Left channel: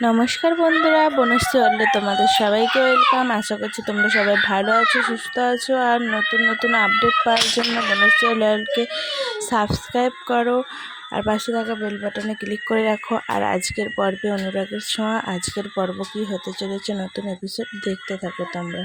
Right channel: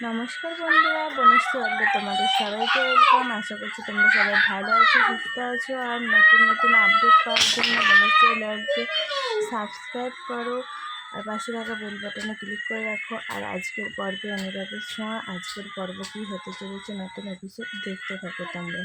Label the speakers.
Speaker 1: নমস্কার বন্ধুরা, বনশ্রী অল্লে তোমাদের সবাইকে ওয়েলকাম আশা করছি তোমরা সবাই ভালো আছো, সুস্থ আছো, আর নতুন নতুন আপডেট পাওয়ার জন্য বনশ্রী অল্লকে সাবস্ক্রাইব করো। আর পাশে থাকা বেল বাটনে ক্লিক করে রাখো। আর আজকের পর্বে অনুরাগের ছোঁয়া, আজকের পর্ব কী হতে চলেছে নতুন এপিসোড দেখতে থাকো তোমরা।